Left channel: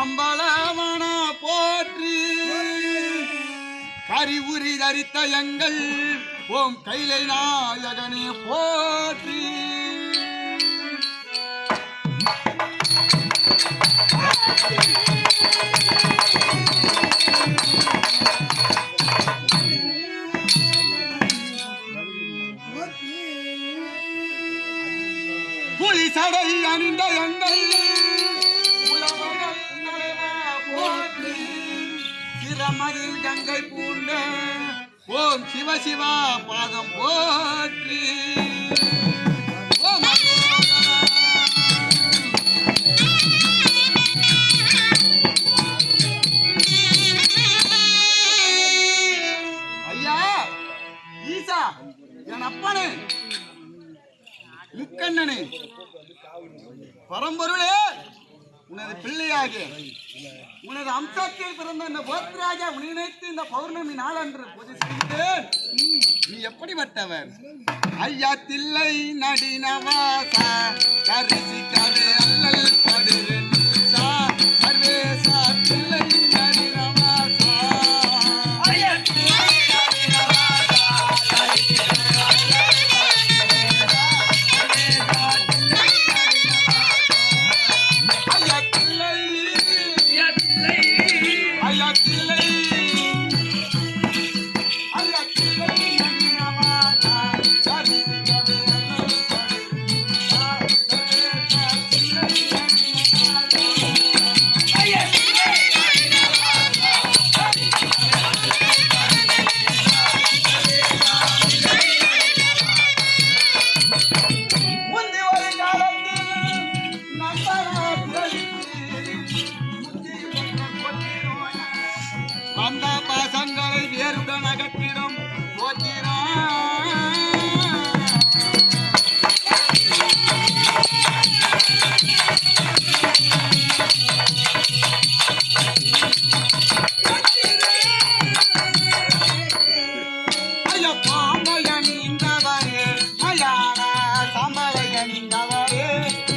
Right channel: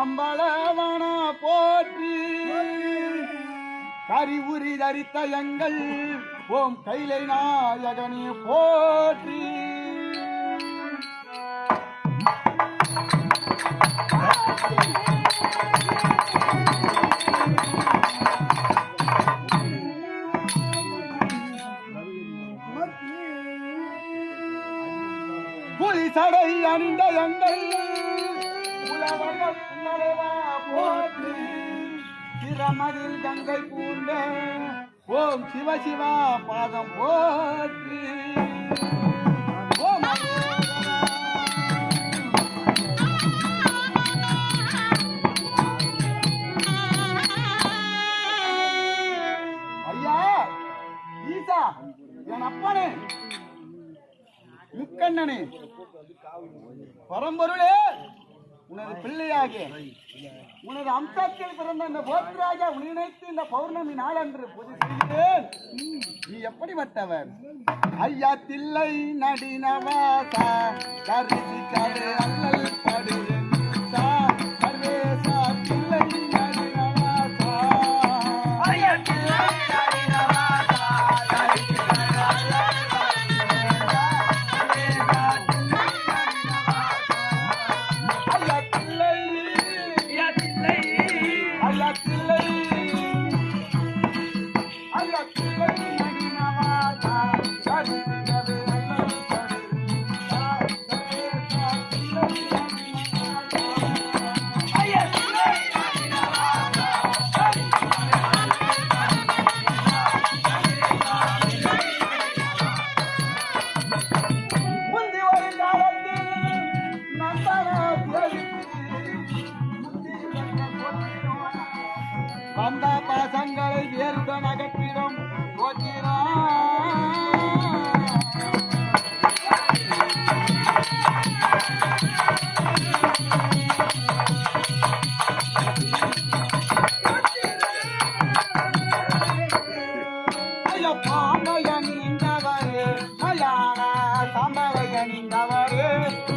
அம்பலவன போற்றி கரிவுரி தரித்த எங்கள் ஓம் கைலை நாயகனே போற்றி. புலி சடை அணிந்த எங்கள் சிரமதில் கங்கை பூண்ட ஓம் சிவ சிவா பாதம் போற்றி. ஐயா ஈசா என் அப்பனே முக்கண்ணனே பரம்பொருளே உனது பிள்ளையாக உனது அம்சத்தில் பிறந்த இந்த போத்ராஜா நினைத்து இந்த பௌர்ணமி நாளன்று பூஜை செய்கிறேன். நீ எப்படிப்பட்டவர்? ஐயா தில்லை நடினவாசா தரிசிக்காது அல்லல் படுவேன் சர்வேசா தில்லை நடினவாசா ஐயா தில்லை நடினவாசா வந்த பாசங்களை வேறுடன் அகற்றிடும் ஐயா பாம்பையன் இந்தவரே மயான சாம்பவையன் இந்தவரே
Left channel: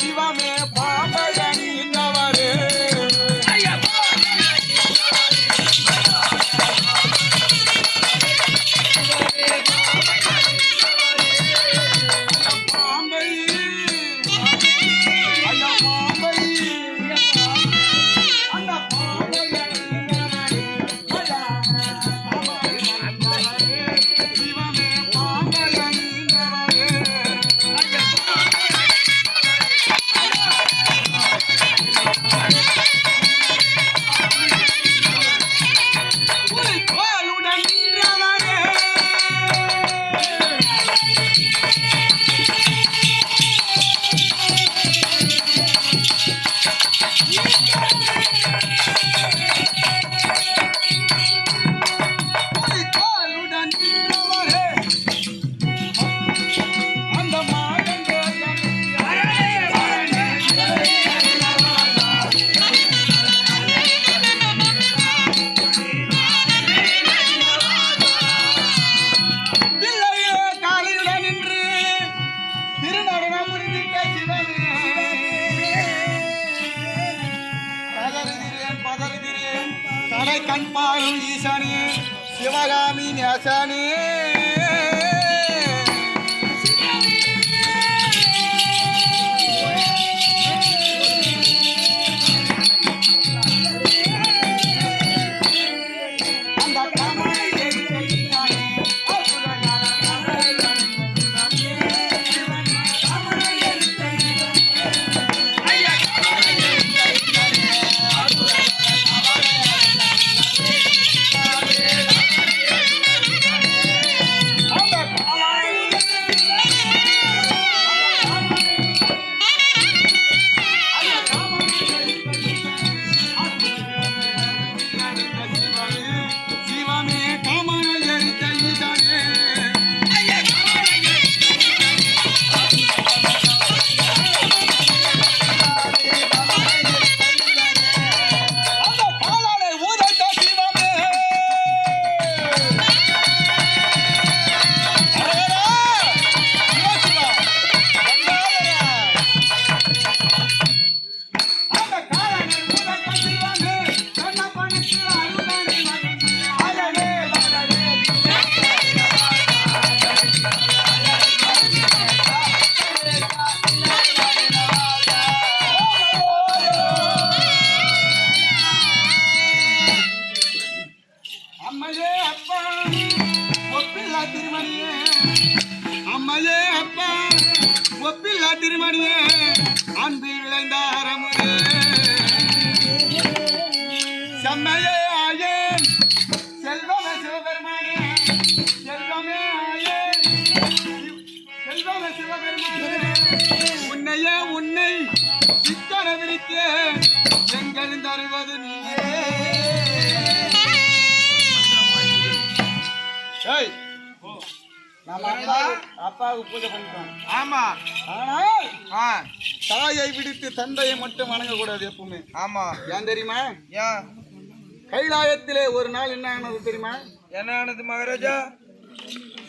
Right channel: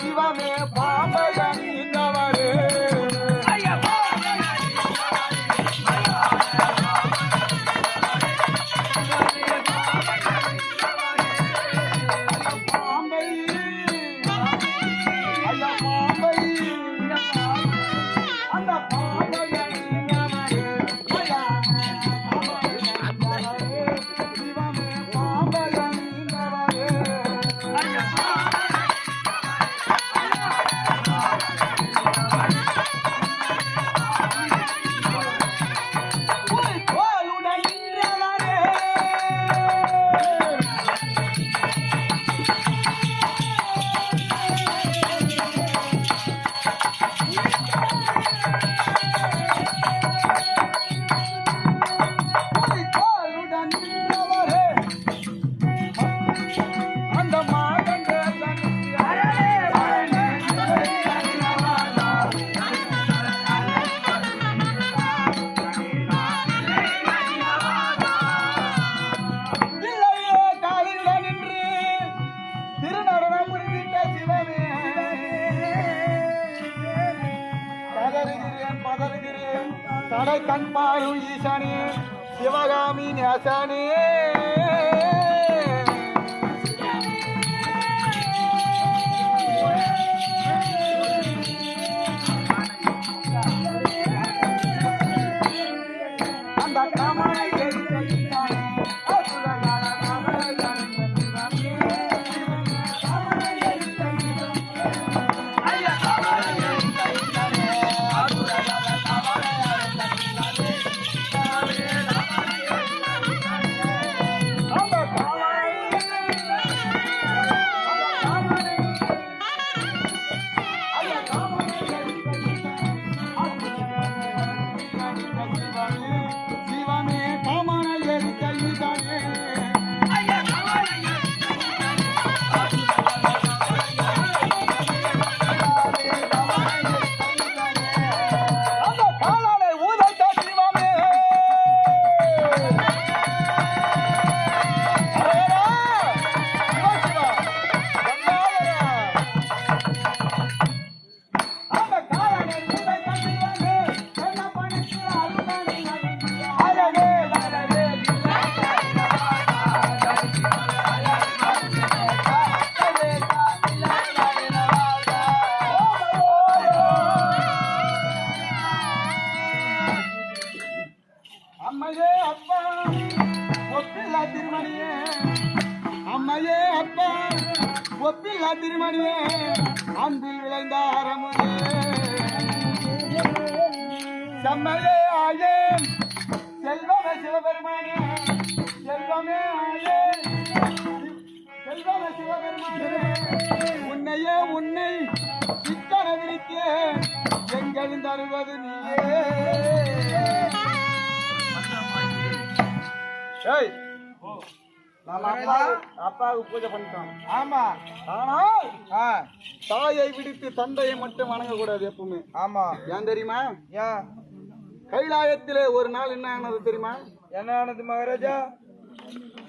சிவமே பாம்பையன் இந்தவரே ஐயா நான் பதறுகிறேன் கடை கண் பாரும் ஈசானே சிவகாமி நேசானே அம்மையே அப்பா ஒப்பில்லா திருமணியே அன்பில் விளைந்த அறமுதே செம்மையே ஆயேன் செல்வமே சிவபெருமானே செல்வமே ஆயேன் செல்வமே சிவபெருமானே உன்னையே உன்னை சிக்கன விழித்தே எங்கள் தருவது நீயே அப்பாவுக்கு பூஜை பண்ணிட்டோம். ஆமா, ஆனால் தாயை விடுத்து தந்தையை மட்டும் வணங்கக்கூடாது எப்பவுமே. ஆமா, ஏன் தெரியுமா? ஏன் கைலாயத்திலே ஒரு நாள் என்ன ஆனது தெரியுமா? என்ன ஆனது மகாராஜா?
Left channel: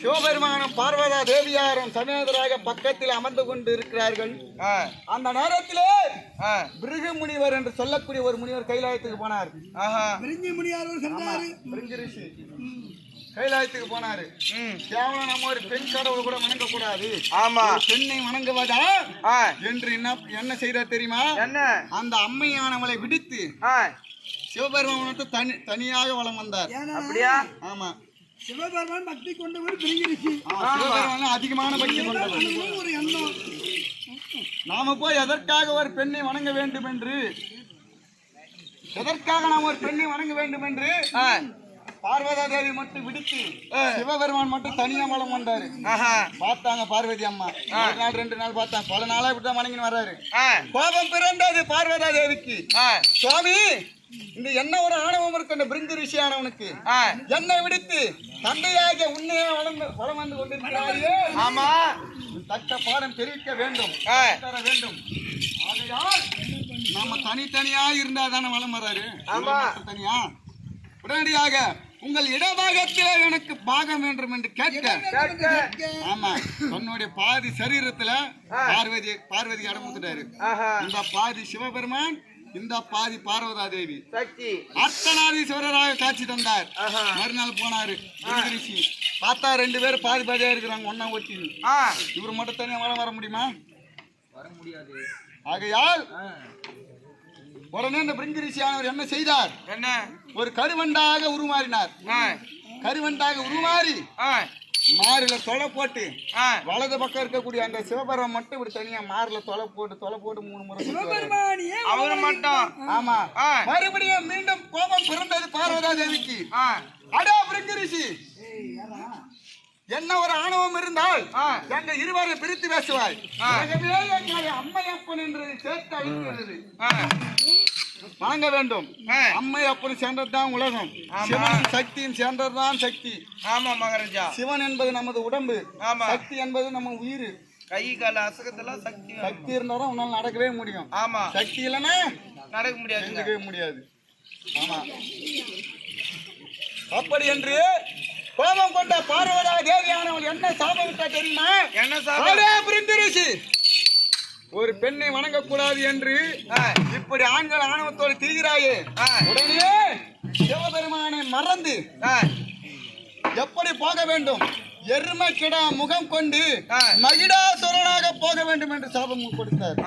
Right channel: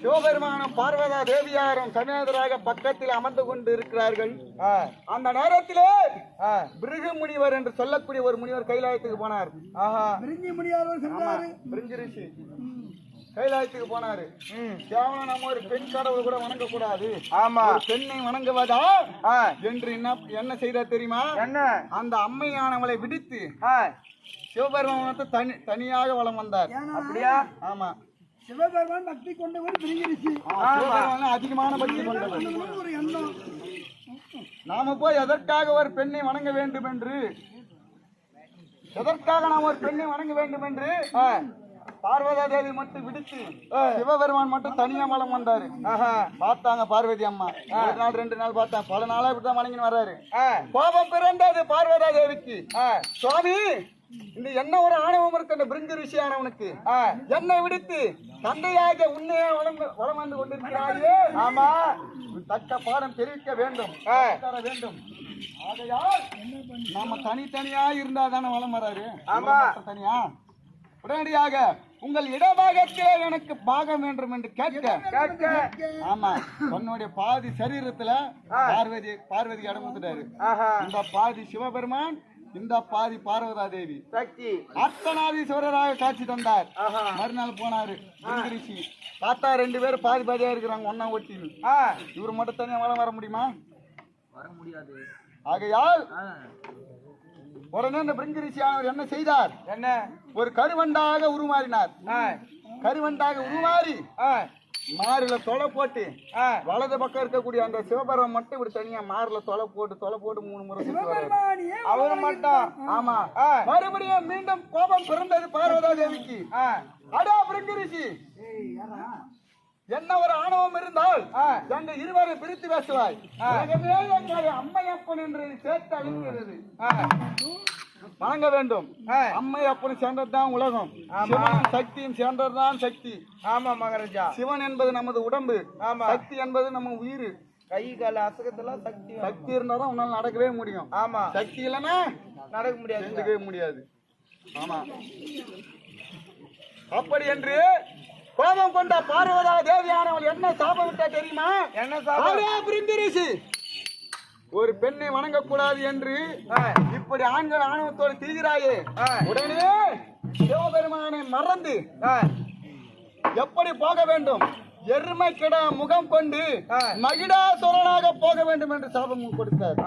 சிவபெருமானும் பார்வதா தேவியாரும் சமேதராக பக்கத்தில் அமர்ந்து கொண்டு இருக்கிறார்கள். அந்த நேரத்திலே பிருகு முனிவர் என்று சொல்லக்கூடிய ஒரு முனிவர் கைலாயத்துக்கு போனார். பிருங்கி ரிஷி கைலாயத்துக்கு போனாரு. கேவலம் நம்ம ஒரு பெண் கடவுள் கூட வணங்க கூடாது. ஆமா, பெண்ணை வணங்குவதா என்று என்ன செய்தார் தெரியுமா? என்ன? அந்த அம்மையானவளை விடுத்து சிவபெருமானத்தை தனியாக வலம் வந்தார். அப்படியா? ஆமா, சிவபெருமான் பக்தி கொண்டவர் அதிகமான பக்தி கொண்டவர். நாம போய் எதற்காக ஒரு பெண்ணை வணங்க வேண்டும் என்று பார்வதா தேவி மட்டும் விடுத்து சிவபெருமான் மட்டும் தனியா வலம் வந்தாரு. பார்த்தாங்க பார்வதி அம்மா. ஒரு நாள் 2 நாள் பார்த்தாங்க. பல நாளா இப்படிதான் வணங்கின்னு வர்றாரு. கோபம் பிறந்தது பார்வதா தேவிக்கு. சுவாமி, இந்த என்ன ஒரு ஆணவம் இருக்கின்ற பிருங்கு ரிஷியானவனுக்கு என்னை விடுத்து தந்தையாக உன்னையே வளம் வந்து கொண்டிருக்கிறாயே. ஆமா, தக்க பாடம் தெரிவிக்க வேண்டும், தர வேண்டும். ஆகையால் நாம தனித்தனியா இருந்தா தானே வளம் வர்றாரு. ஆமா, தனியா உடனடியாக உங்கள் இடபாகத்திலே எனக்கு பாகம் வேண்டும் என்று கேட்க. ஆமா, தன்னுடைய பாதி சரீரத்துல பார்வதி இடம் கொடுத்துட்டாரு. இந்த பாதி சிவபெருமான், இந்த பாதி பார்வதா தேவி அர்த்தநாதீஸ்வரராக காட்சி தந்தார். மறுநாள் போனாரு ரிஷி. பார்த்தா 2 பேரும் பாதி பாதியா இருக்கிறாங்க, ஒன்னா ஒட்டி. இவர் மட்டும் தனியா வளம் வர முடியுமா? வர முடியாது. ஆகையால் உடனே இந்த பிருங்கு ரிஷியானவர் என்ன செய்தார்? என்ன? ஒரு கருவண்டாக உருமாறினார். கருவண்டாக உருமாறி மாறில தொலை போட்டு வலது பக்கம் இருக்கக்கூடிய அந்த சிவபெருமான் மட்டும் இப்படி தனியா மாறில தொலை போட்டு 3 முறை அவரு மட்டும். ஆமா, மறுபடியும் மீண்டும் கோபம் பிறந்தது பார்வதா தேவிக்கு. அடா பிருங்கு ரிஷி, என்ன ஒரு ஆணவம் இருந்தால் எங்க இருவரை பிரித்து பேசுவாய். அம்மையப்பன் என்று சேர்த்து அழைக்கிறது. வணங்க வேண்டும். அம்மையப்பன் சேர்ந்ததுதான் உலகம். சிவன் சக்தியும் சேர்ந்ததுதான் சக்தி. ஆமா மகாராஜா, சிவன் என்பது நமது உடம்பு, சக்தி என்பது நம்ம உயிர். கை கால அசகத்தெல்லாம் சக்தி இருந்தாலும் உன்னால நடக்கவே முடியும். ஆமா, சக்தி இல்லைன்னா நடக்க முடியாது. ஆமா, அப்படி என்று கோபம் கொண்ட பார்வதா தேவியானவள் என்ன சாபம் விட்டா தெரியுமா? என்ன சாபம்? பிருங்கு ரிஷி, ஒரு பெண்ணை வணங்கக்கூடாது என்று இப்படி ஆண்கள் ஆணவத்தோடு திரிகிறாயே, உடனே சிவபெருமானை மறந்து எப்படி போக வேண்டும்? எருமை கிடா முகம் கொண்டு மகிடாசுரனாக போக வேண்டும் என்று சாபம் கொடுத்தார்.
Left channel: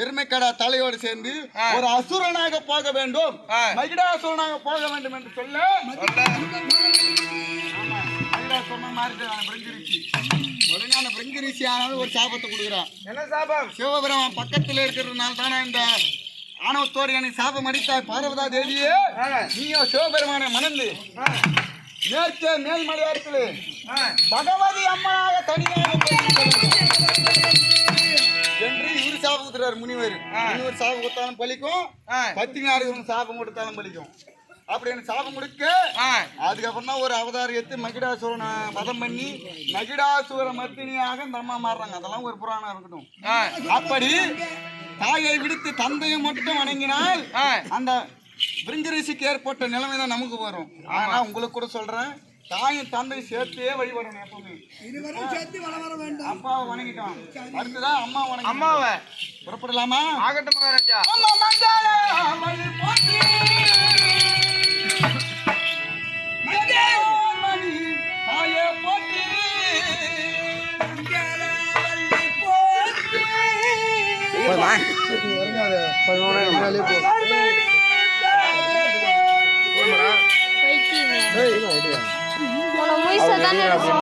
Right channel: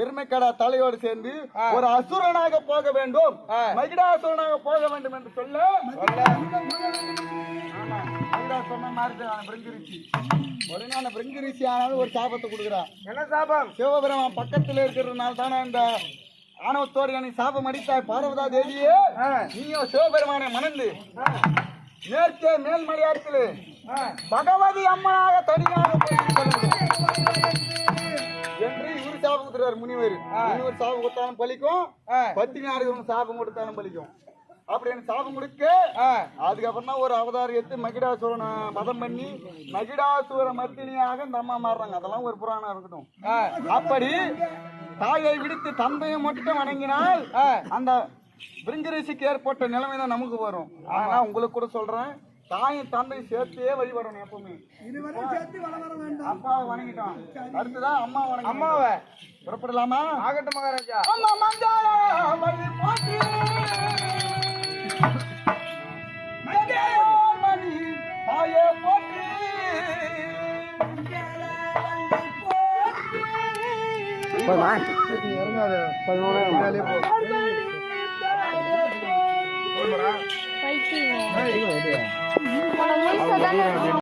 எருமைக்கடா தலையோடு சேர்ந்து ஒரு அசுரனாக போக வேண்டும், மகிடாசுரனாக போக வேண்டும் என்று சொல்ல பிரிங்கிரிசி ஆனாலும் ஒரு சாபத்தை கொடுக்குறான். என்ன சாபம்? சிவபெருமான் பக்கத்தில் இருக்கிறதுனால தானே இந்த ஆணவத்தோடு எனக்கு சாபம் அடித்தாய் பார்வதா தேவியே. நீயோ சிவபெருமானை மணந்து மேற்கே மேல்மலையாரத்திலே பகவதி அம்மனாக தனியாக என்று இவரு சாபம் கொடுத்துறாரு முனிவர். முனிவர் சாபம் கொடுத்தாலும் பலிக்கும், பத்தினாருக்கு சாபம் கொடுத்தாலும் பலிக்கும். அப்படின்னு சாபம் கொடுக்க அதுக்கப்புறம் தான் ஒரு அவதாரம் எடுத்து மகிடாசுரனை வதம் பண்ணி மகிடாசுர மர்த்தினியாக இந்த அம்மா மாறுறாங்க. அதெல்லாம் ஒரு புராணம் இருக்கட்டும். அப்படி தாயை விடுத்து தந்தையை மட்டும் வணங்கினால் அந்த பிரிங்கரிசிக்கு ஏற்பட்ட நிலைமை தான் நமக்கு வரும். ஆனா உங்களுக்கு கூட சொல்றேன், தாயும் தந்தையும் சேர்த்தே வழிபடணும். எப்பவுமே அப்பாவை வணங்கிட்டோம், அடுத்துதான் அம்மா வணங்கி. அம்மாவை புறப்படலாமா? ஆகட்டும் மகாராஜா. அம்மா மங்கள வழி போற்றி தாயே போற்றி பைத்தியமே.